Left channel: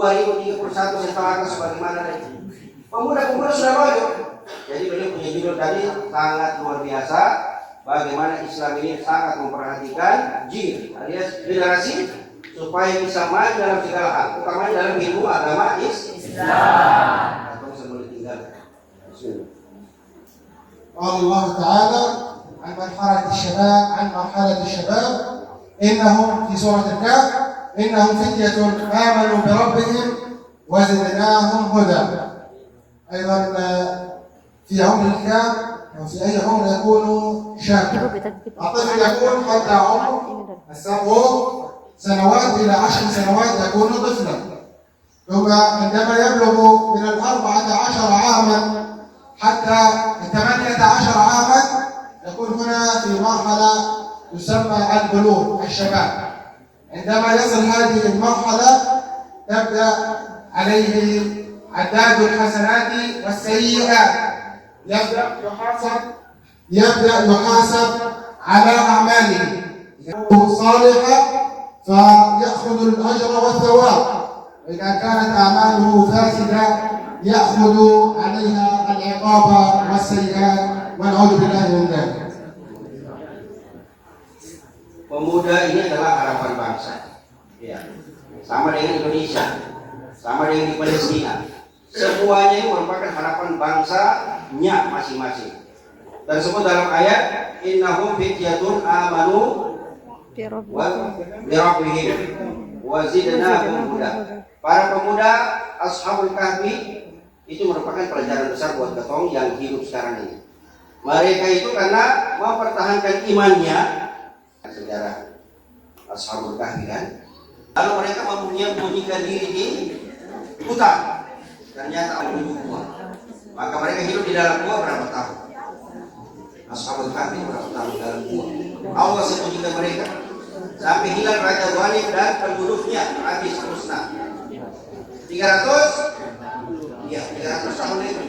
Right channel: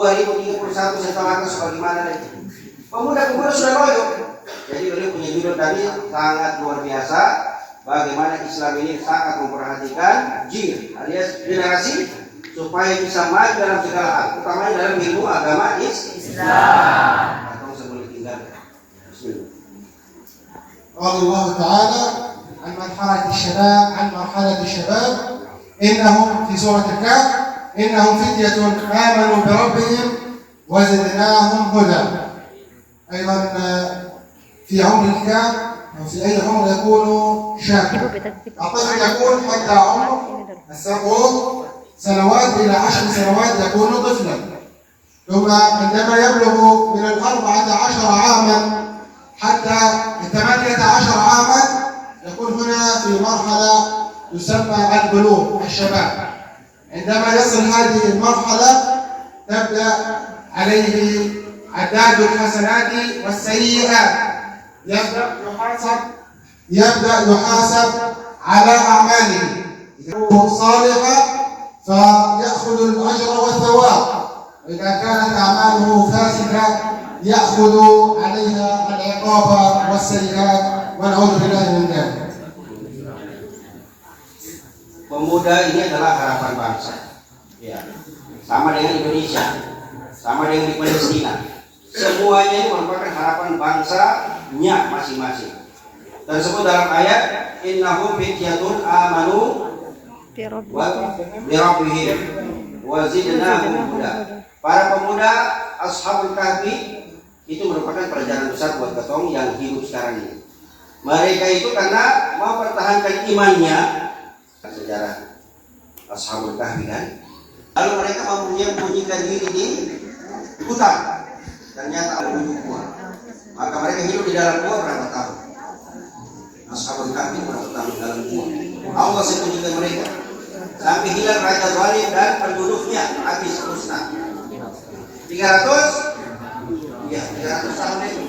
2031 setelah sebagaimana tadi. Pemuda-pemuda sudah loyo. Jadi beliau punya judul tadi sangat luar biasa. Bagaimana Islam ini sangat memperhatikan jil alias generasi supaya bisa maju dalam segala hal, utamanya dalam ilmu agama Islam. Atau sebelum tinggal. قال الله تعالى عن مرحلة الشباب إنهم في سورة الكهف إنهم فتية آمنوا بربهم وزدناهم هدى. أيضا في عمر الكهف أو في أي عمر يكون شابا. الطفل يكون حتى عمر 7 سنوات إلى 10 سنوات يكون طفلا. ثم عندما يبلغ من 14 عاما حتى 18 عاما يكون هنا في مرحلة تسمى البلوغ الشباب. عندما يصل هذه المرحلة تبدأ عليه عداد الحسنات والسيئات. يبدأ يحاسب على أعماله. صالحة فيأخذ الأجر والثواب، وإذا كانت أعماله فاسدة يأخذ عليها العقاب والسيئات، ونعوذ بالله من ذلك. Pemuda ini adalah harapan bangsa. Ya. Sama dengan Indonesia, sama dengan di Palestina. Semuanya ini merupakan harapan bangsanya masing-masing. Tersebut dalam ayat innahum fityatun amanu bi rabbihim wa zidnahum huda. Para pemuda Ashabul Kahfi itu merupakan pelajaran besar buat ketong yang hidup sekarang ini. Mereka itu karena mempertahankan imannya, sejarah Ashabul Kahfi kan. Lalu mereka menyembunyikan diri di hutan. Ternyata ada gua. Maka mereka hidup di dalam gua berapa tahun? Ashabul Kahfi berapa tahun dalam gua? Allah sembunyikan mereka sampai hilang raja zalim dan penduduknya habis musnah. 300 tahun itu.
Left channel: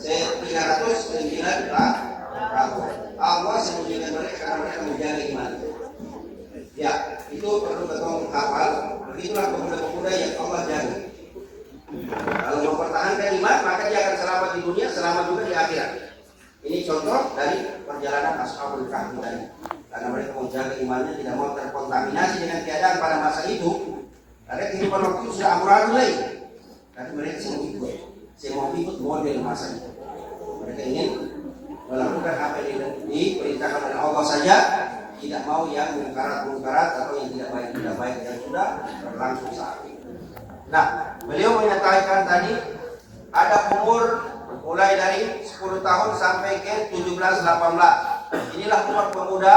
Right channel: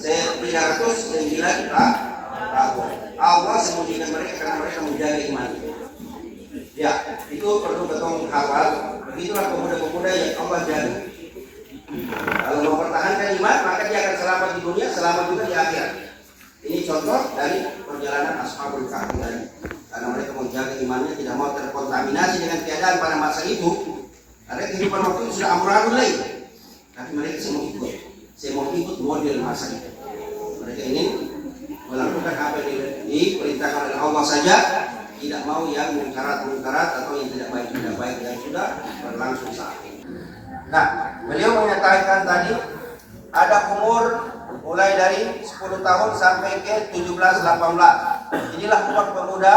309 tahun. Allah sembunyikan mereka karena mereka menjaga iman. Ya, itu perlu ketong hafal. Begitulah pemuda-pemuda yang Allah jaga. Kalau mempertahankan iman, maka dia akan selamat di dunia, selamat juga di akhirat. Ini contoh dari perjalanan Ashabul Kahfi tadi. Karena mereka menjaga imannya, tidak mau terkontaminasi dengan keadaan pada masa itu. Karena kehidupan waktu itu sudah amburadul lagi. Tapi mereka semua ikut model masa itu. Mereka ingin melakukan apa yang diperintahkan oleh Allah saja, tidak mau yang mungkarat atau yang tidak baik yang sudah berlangsung saat ini. Nah, beliau menyatakan tadi ada umur mulai dari 10 tahun sampai ke 17-18. Inilah umur pemuda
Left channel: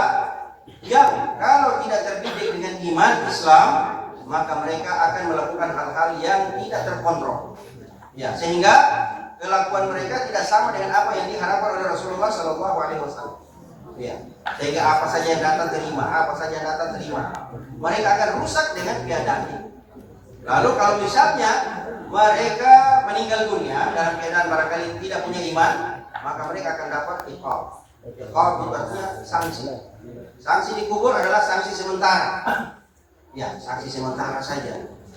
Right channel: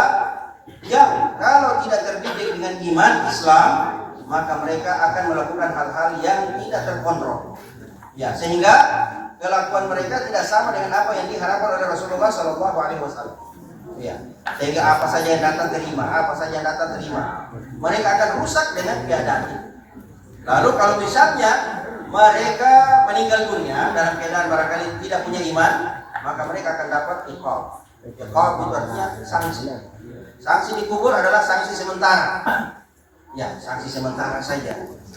yang kalau tidak terdidik dengan iman Islam, maka mereka akan melakukan hal-hal yang tidak terkontrol. Ya, sehingga kelakuan mereka tidak sama dengan apa yang diharapkan oleh Rasulullah SAW. Ya, sehingga apa saja yang datang terima, mereka akan rusak dengan keadaan ini. Lalu kalau misalnya mereka meninggal dunia dalam keadaan barangkali tidak punya iman, maka mereka akan dapat iqab. Iqab itu artinya sanksi. Sanksi dikubur adalah sanksi sementara. Ya, sanksi sementara saja.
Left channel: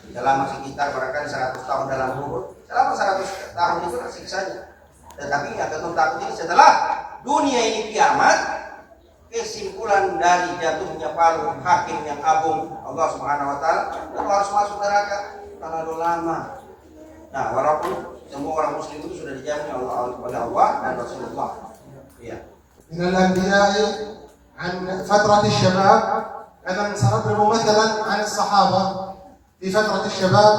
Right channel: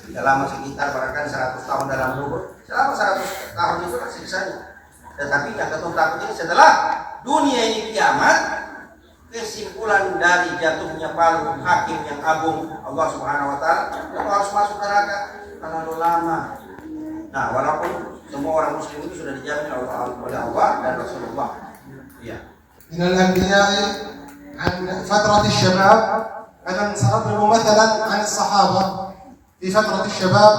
Tidak lama, sekitar barangkali 100 tahun dalam kubur. Selama 100 tahun itu siksanya. Tetapi yang ketemu takut ini setelah dunia ini kiamat, kesimpulan dari jatuhnya palu hakim yang agung Allah Subhanahu wa taala itu harus masuk neraka terlalu lama. Nah, walaupun semua orang muslim itu sudah dijamin oleh Allah dan Rasulullah. Iya. من الأنبياء عن فترة الشباب أيضا سنضرب مثلا عن الصحابة في فترة الشباب،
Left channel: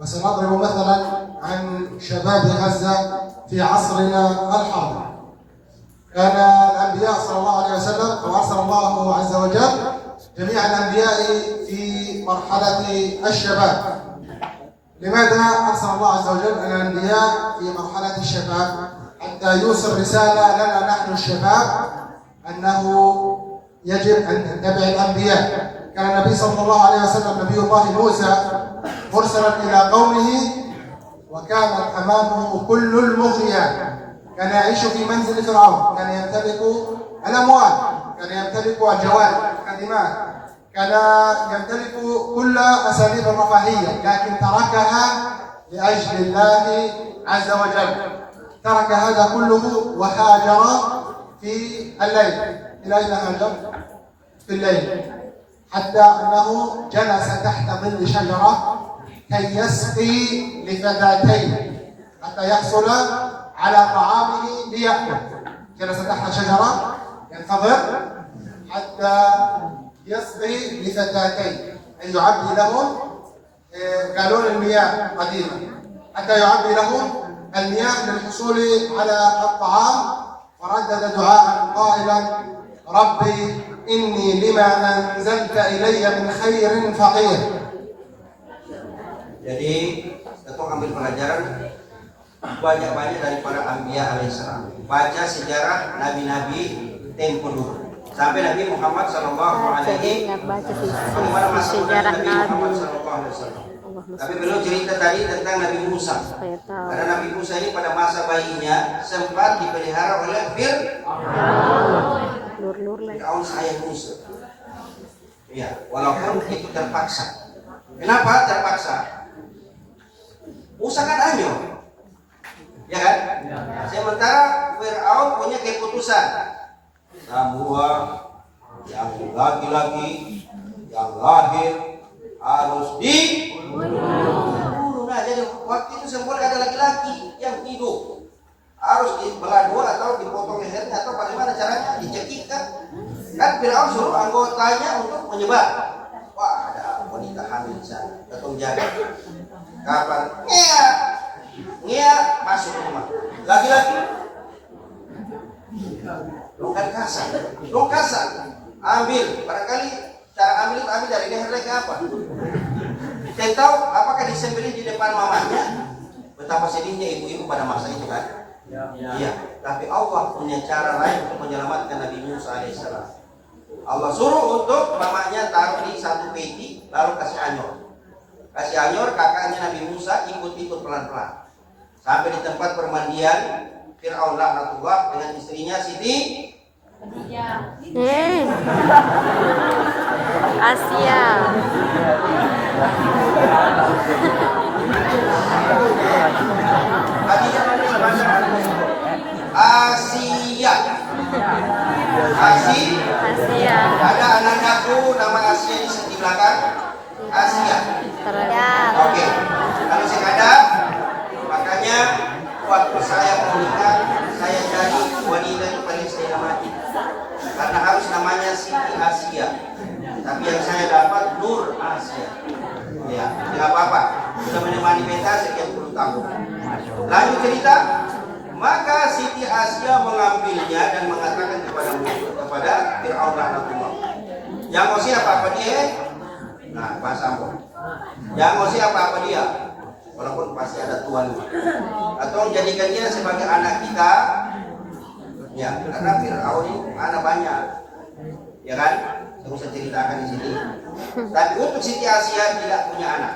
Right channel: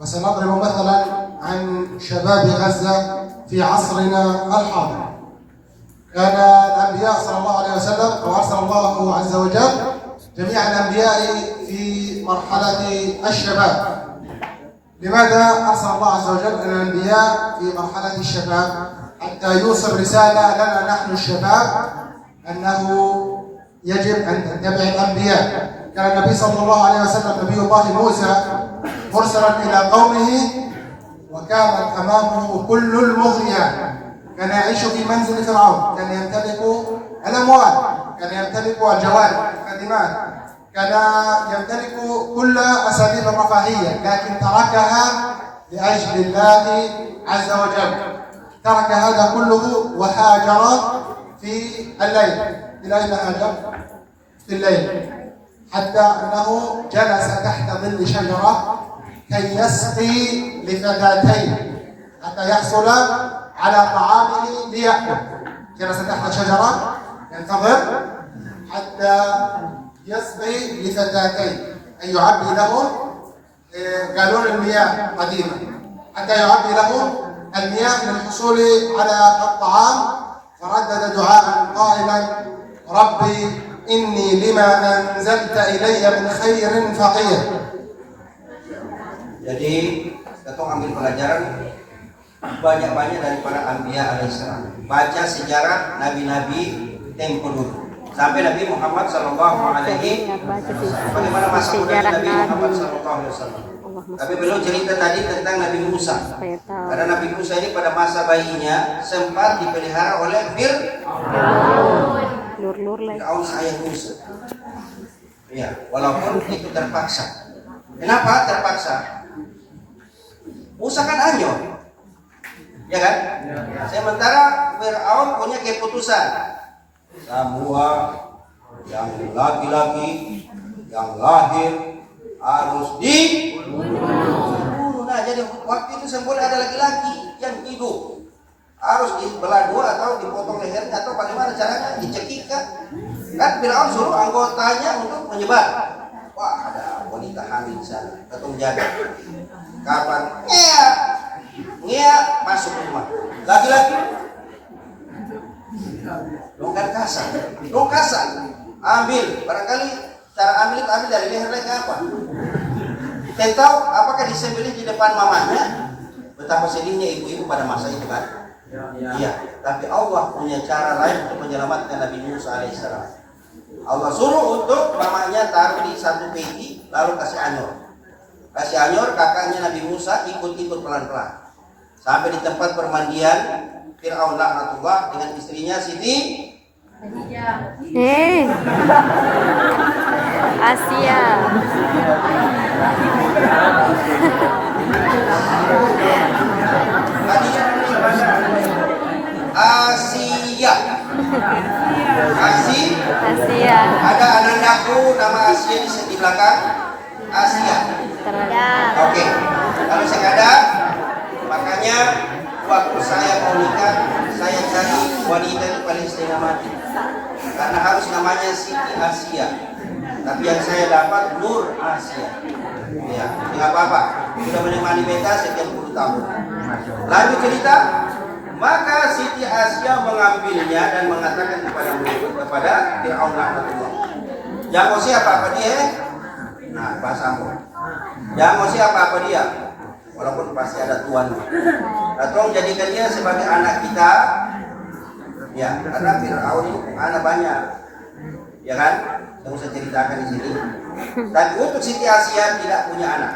وسنضرب مثلا عن شباب غزة في عصرنا الحاضر. كان الأنبياء صلى الله عليه وسلم وأرسل الله عز وجل جميع الأنبياء في مرحلة الشباب. لماذا أرسل الله عز وجل الأنبياء في مرحلة الشباب؟ حتى يوصل رسالة لنا نحن الشباب أنه يجب أن نتبع الأنبياء. كان النبي صلى الله عليه وسلم نبي الله موسى مرسلا إلى قومه وكانت أمامه كل المغنيات. كان يعيش في منزل فرعون، كان يمتلك الأموال، كان يمتلك الجوارح، كان الخادمات، كان يمتلك كل أساليب الرفاهية، لكن تركها لأجل الله عز وجل. ترك هذا كله وهاجر في الليل. إلى أين هاجر؟ في الليل، حتى أنه جلس تحت ظل شجرة كي يسقي لفتاتين حتى يحصل على طعامه ليأكل. جلس تحت شجرة ينتظر حتى يسقي لفتاتين، أي يعبي لهم قالون المياه قديما، حتى يعبي لهم المياه للحصول على الطعام. فردد دعاء قائلا: ربي إني لما أنزلت إلي من خير فقير. Jadi, kita ambil pelajaran banyak-banyak dari para Anbiya alaihissalam. Baca sejarah nabi-nabi tempo dulu. Sampai Nabi Muhammad sallallahu alaihi wasallam. Bagaimana masa muda Nabi Muhammad sallallahu alaihi wasallam. Tapi belum cerita tadi tentang Nabi Musa. Karena Nabi Musa ini pada masa bayinya sempat dipelihara oleh Fir'aun sayang Musa. Ya, walaupun itu terpaksa. Kenapa terpaksa? Musa kan anyong, ya kan? Sementara Fir'aun punya keputusan, semua yang laki-laki yang lahir harus dibunuh. Nah, jadi waktu itu semua ada laki-laki yang hidup harus dibelah dua atau dipotong lehernya atau bagaimana caranya, dicekikkan. Kan Fir'aun suruh anggotanya untuk menyebar. Wah, ada wanita hamil di sana, ketung jaga. Kapan? Ngia masuk rumah. Laki-laki. Dongkar kasar. Ambil. Barangkali cara ambil itu ambil dari leher apa? Saya tahu apakah disembelih di depan mamanya? Betapa sedihnya ibu-ibu pada masa itu kan? Iya. Tapi Allah punya cara lain untuk menyelamatkan Nabi Musa alaihissalam. Allah suruh untuk mamanya taruh di satu peti, lalu kasih anyor, kakaknya Nabi Musa ikut-ikut pelan-pelan sampai di tempat permandian Fir'aun laknatullah dengan istrinya Siti Asia. Asia. Ada anandaku nama Asia di belakang. Asia. Oke. Kalau saya ada, makanya waktu saya mau nikah, saya cari wanita yang paling setengah mati. Karena harus namanya Siti Asia. Tapi yang saya dapat Nur Asia. Ya, tidak apa-apa. Sudah menemani beta sekian puluh tahun. Lanjut cerita. Maka Siti Asia mengambilnya dan mengatakan kepada Fir'aun laknatullah. Yang mau siapa apa dia? Nah, bahasa Ambon. Yang mau siapa apa dia? Walaupun pasti ada tuan. Atau jadikan dia sebagai anak kita. Ya, karena Fir'aun itu anak banyak. Ya kan? Saya usah ceritakan di sini. Tapi untuk Siti Asia tidak punya anak.